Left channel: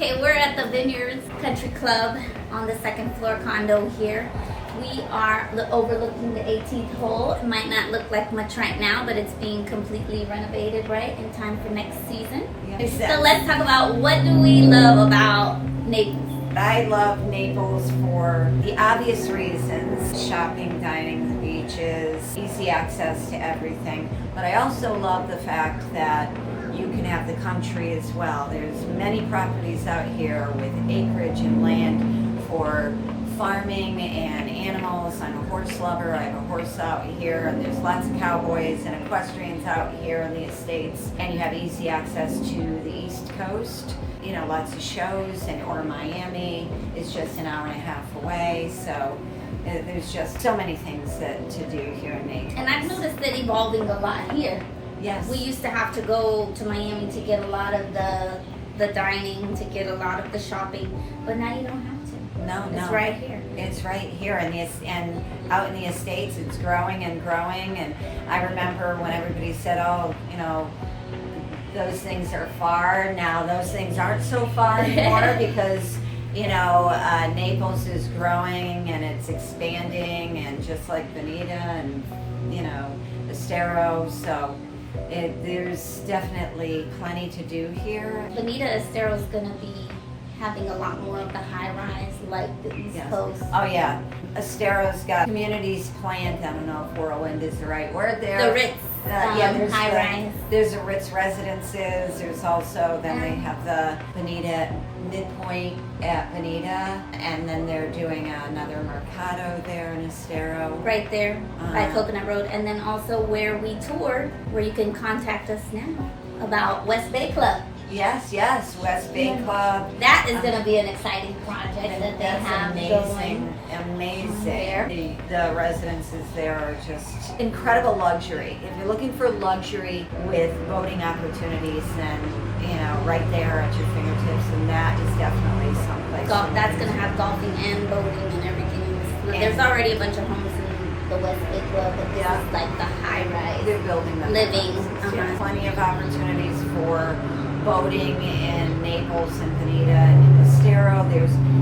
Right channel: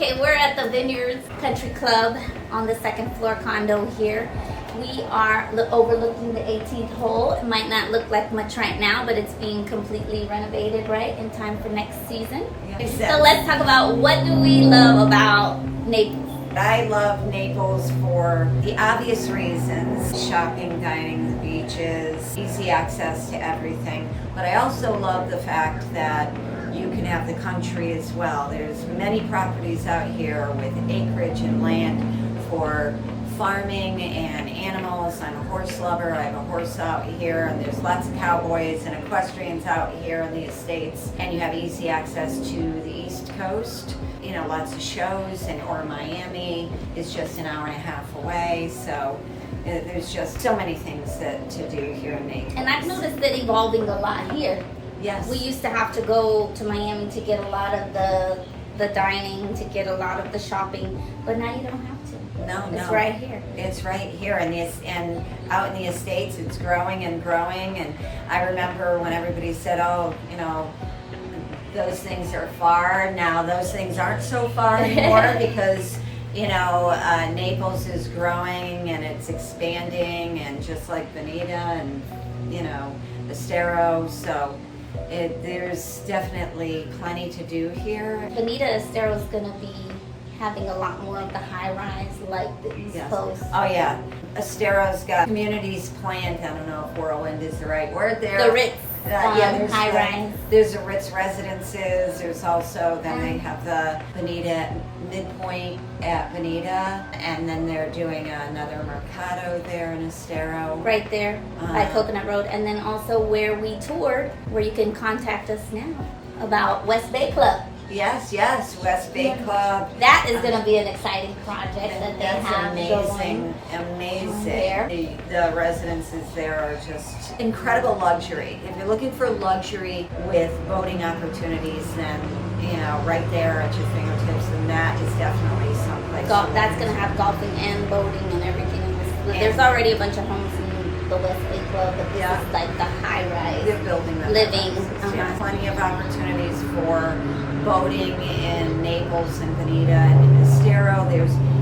Okay, we're at the Vineyards Country Club on the second floor condo here. We are overlooking the 18th hole. It might not look like much right now, but it's being completely renovated, right, in time for next season. Yes. So let's talk about what do we love about Naples. I love Naples for the obvious reasons: shopping, dining, the beaches, easy access to everything. But I also love the fact that you can have the country as well. There's many properties out here with acreage and land for farming and animals. I'm a horse lover. I have a horse out here, and there's lots of cowboys and equestrians out here in the estates. And you have easy access to the East Coast. You know, lots of shows, or Miami is just an hour and a half away. So there's just so many things to do here in Naples. And I've noticed it evolving a lot here. Yes. We used to have to go to Miami to get a lot of the dining, to get a lot of the shopping, but now you don't have to. No. It's right here. It's right here, and out in the estates, it's growing and growing. And I remember when everybody said, "Oh, you know, those things are far." Now those things aren't so far anymore because Naples is growing and it's expanding, and just like Bonita and Estero, so. There's definitely plenty to do here. Bonita Estero is going to be having a lot more of the high-rise like the East Coast. Oh yeah, Estero's got communities planned. I don't know if whirlwind is the right word there. The Ritz. There's high-rise. There's the Ritz residences. There's also, then they have the Bonita midpoint at Bonita, and then they're doing another Mercado there in Estero. Right there by Coconut Road. And then also where we toured, where you can contact us now about West Bay Club. Yes, West Bay Club. That is going to be an exciting project that they have amazing. There. The residences there are just incredible luxury. If you're looking for luxury with boating opportunities, then right there at your fingertips, and that is definitely someplace. That's going to have golfing and boating and everything. There's already a bunch of homes in the West Bay Club, but this is like the high rise. They're building them. Living. Yeah, plenty of opportunities for boating in Naples and Bonita and Estero.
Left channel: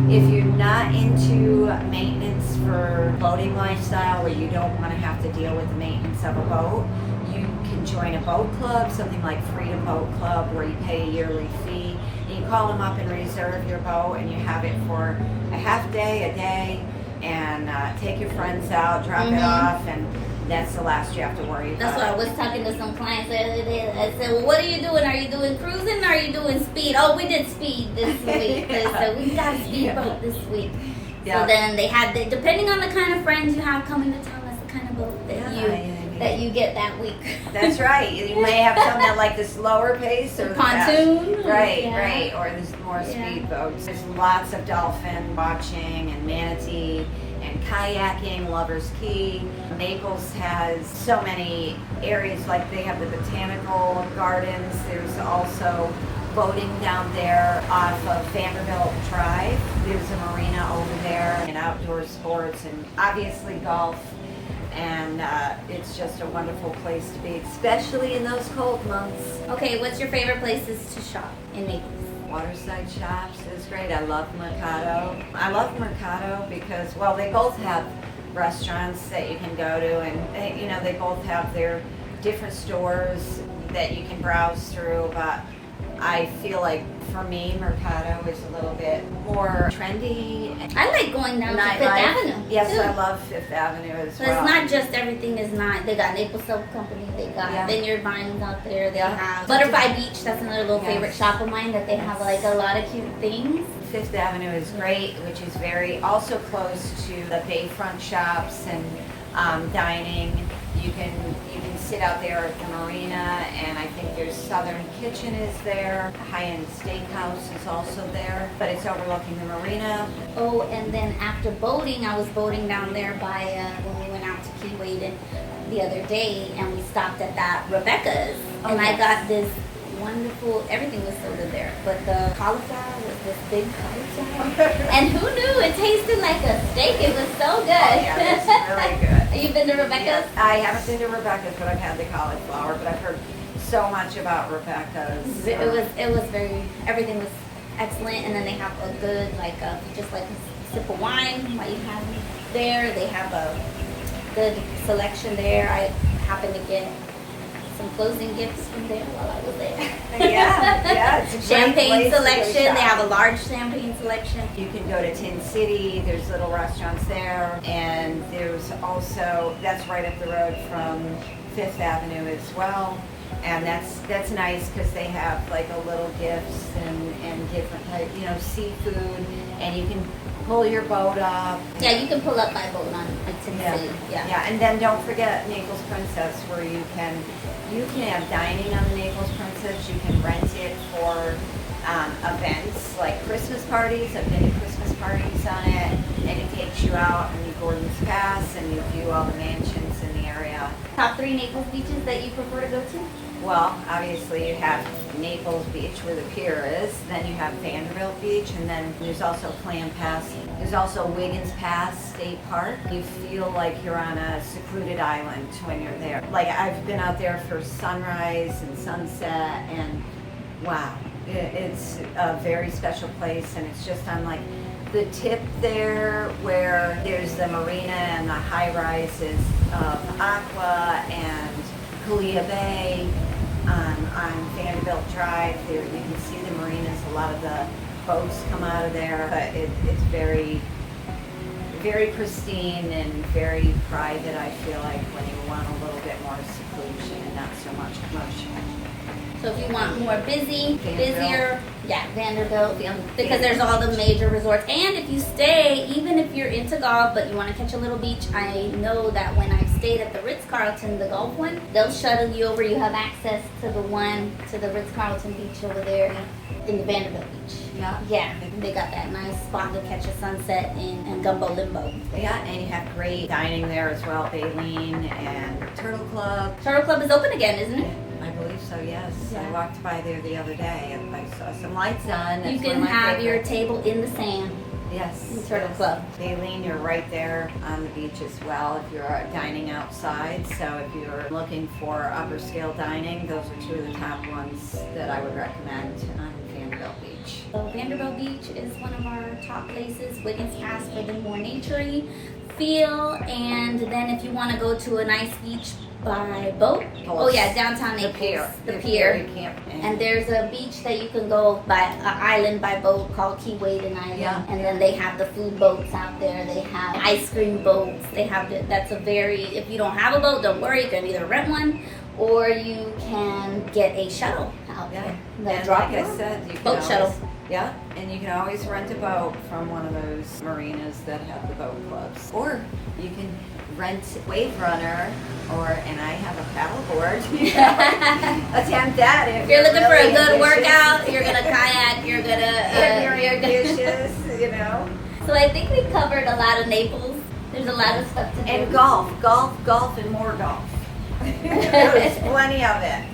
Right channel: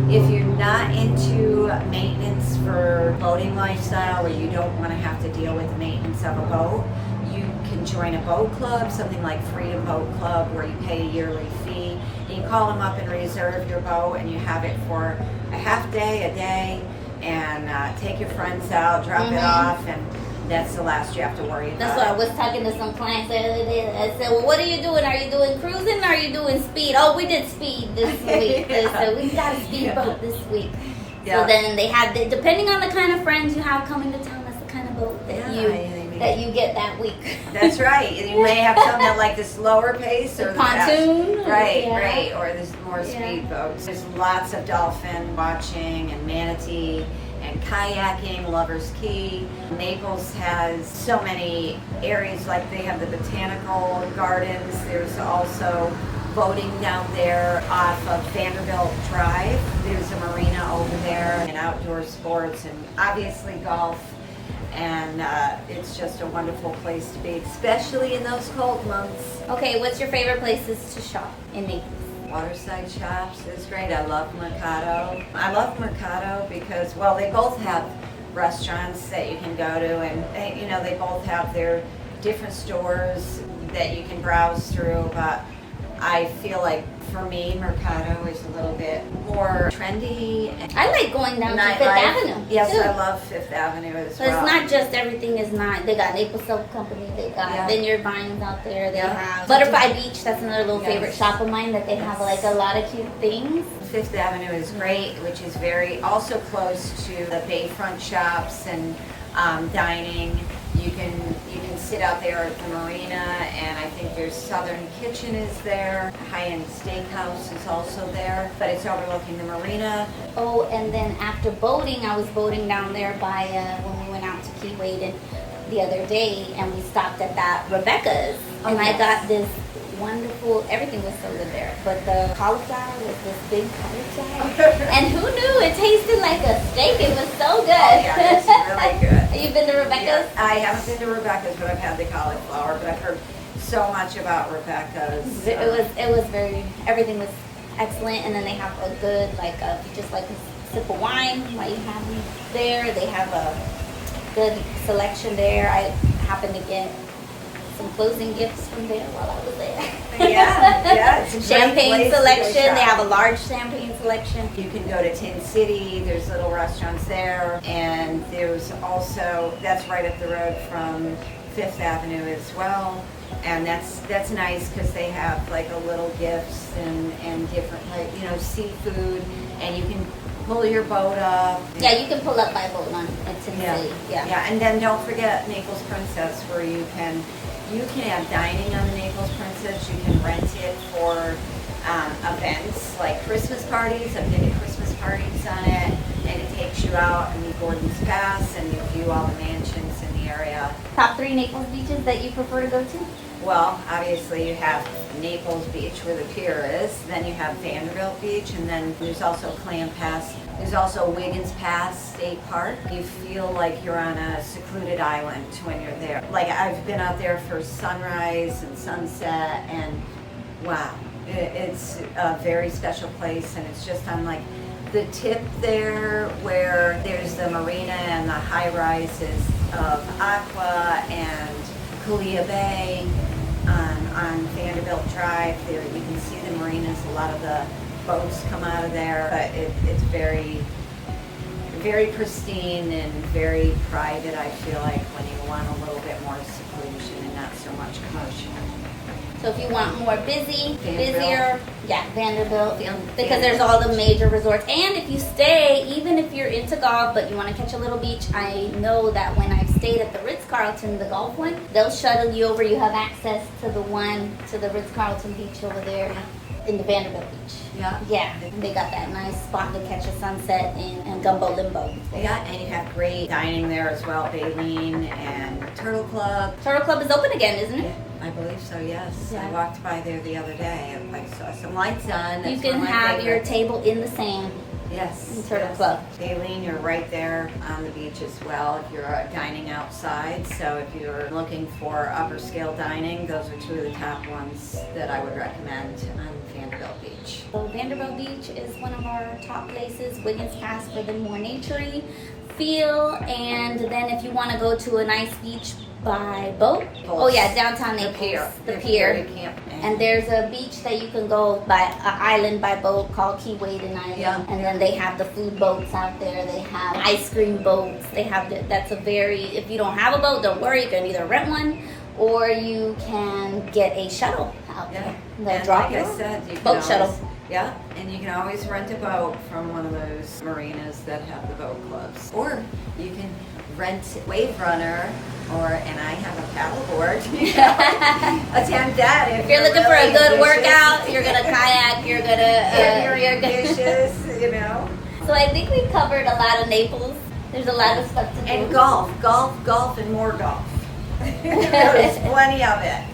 If you're not into maintenance for boating lifestyle, or you don't want to have to deal with the maintenance of a boat, you can join a boat club, something like Freedom Boat Club, where you pay a yearly fee. And you call them up and reserve your boat, and you have it for a half day, a day, and take your friends out, drop it off, and that's the last you have to worry about. That's why I was talking to some clients the other day. I said, well, what are you doing? Are you doing cruising or are you doing speed? Oh, we did speed this week. So we got a speedboat this week. Yeah. So then they had, depending on the kind of friends you have coming to town, that's the kind of boat that you get that week. That's right. You may have some that like the slower pace, or the pontoon. Right. Or there's more speedboats. There's lots of dolphin watching and manatee and kayaking, Lover's Key. Naples has so many areas, like they have the botanical gardens. There's also boating down there off of Vanderbilt Drive. There's a marina over there, and outdoor sports, and obviously golf. And it's just a wonderful place to be, especially in those cold months. Okay, what's your favorite places to shop in Naples? Waterside shops is great. I love Mercado. I love Mercado because, well, they both have restaurants that you can go to, and they both have their different stores that you can browse through. But I feel like for me, Mercado is a little bit more trendy. I like going down to Fifth Avenue. Yes, too. I love Fifth Avenue as So well. it's not just everything is not. They got Naples Soap Company. They got Vineyard Vines out there. They have Butterfly Beach. That's another little favorite shop of mine. That they have like a lot of cute things. Fifth Avenue is great, which is very also close to the bayfront shops and dining. You can sit out there at the marina, and I think there's Southern Kitchen is there. High-end Steakhouse is also there, but it's overlooking the marina. Oh, and then after boating, I was boating down there by when we went out to Key Wade the other day, and we stopped at that Rebecca's, and I got this wonderful, everything was so good there, but the cauliflower was this big cauliflower, and who knew it tasted like a steak. It was so good. Oh yeah, it's really good. You've been to Rebecca's? Yes, I haven't been to Rebecca's, but I've had the cauliflower, but I've heard so much about Rebecca's. It was very, everything was excellent. And then they have a good, like, just like a sip of wine while you have them there. They have a good selection there. I happened to get some closing gifts from there while I was there. Yeah, it's a great Champagne place to go selection. They shop. have a large champagne selection. You can go to Tin City, there's little restaurants there, and there's also, that's right up the road from Fifth Avenue as well. And that's nice because they have like a little gifts and different type, seafood, and you can pull your boat up. Yeah, you can pull up by boat on Tin City. Yeah, and then don't forget Naples Princess, where you can have dining on the Naples Princess. You can rent it for events like Christmas parties. I've been to Christmas parties on it, and it takes you out on the Gordon's Pass, and you view all the mansions in the area. Top 3 Naples beaches that you prefer to go to? Well, obviously you have Naples Beach where the pier is, then you have Vanderbilt Beach, and then there's also Clam Pass. There's also Wiggins Pass State Park. You feel like you're on a secluded island when you're there. Like, I've been out there for sunrise and sunset, and wow, it's a very special place, and it's just on like the tip there where there's the marina and the high rises of Aqua and Kalia Bay. On Vanderbilt Drive, there you can see the marinas. A lot of the boats come out of there. But it's very, very pristine and very private. I feel like when you want a little bit more seclusion and not so much commotion. So if you want more busier, Vanderbilt, because Vanderbilt. there's all the major resorts. And if you stay, even if you're into golf, but you want to catch a little beach, I know that when I've stayed at the Ritz-Carlton, the golf one, they'll shuttle you over. You have access to the Ritz-Carlton beach over there in the Vanderbilt beach. Yeah. Yeah, they got that nice spot to catch a sunset and gumbo limbo. Yeah, and you have great dining there as well. Baleen and Turtle Club. Turtle Club is open again, isn't it? I believe so, yes. Yeah. I walked by there the other day and I saw some lights on. You That's can one of my have your favorites. table in the sand. Yes. in Turtle Club. Baleen, you're right there on the beach as well if you're dining outside. So if you're looking for upper scale dining, those are 2 of the top ones that I would recommend on Vanderbilt Beach. So Vanderbilt Beach is one of our top places. Wiggins Pass for the more naturey feel, and then if you want to go to a nice beach by boat, downtown The Naples, pier. the You pier. can't. And there's a beach that you can go by an island by boat called Key Waden Island. Yeah. And then they have the food boats out there. They have ice cream boats. They have if you don't have a boat, don't worry. You can either rent one or you can get a shuttle out Yeah. there. And drop like you I off. said, you can Boat always, shuttle. Yeah, and you can always rent a boat from one of those marinas that have the boat clubs. Or you can rent Wave Runner, and I have a paddleboard. Attempt that If you're looking for a really good ambitious. workout, you're gonna kayak, you're If you're gonna ambitious, So I think we covered a lot of Naples. There's a lot of stuff to do. And golf, and more golf. There's plenty of it.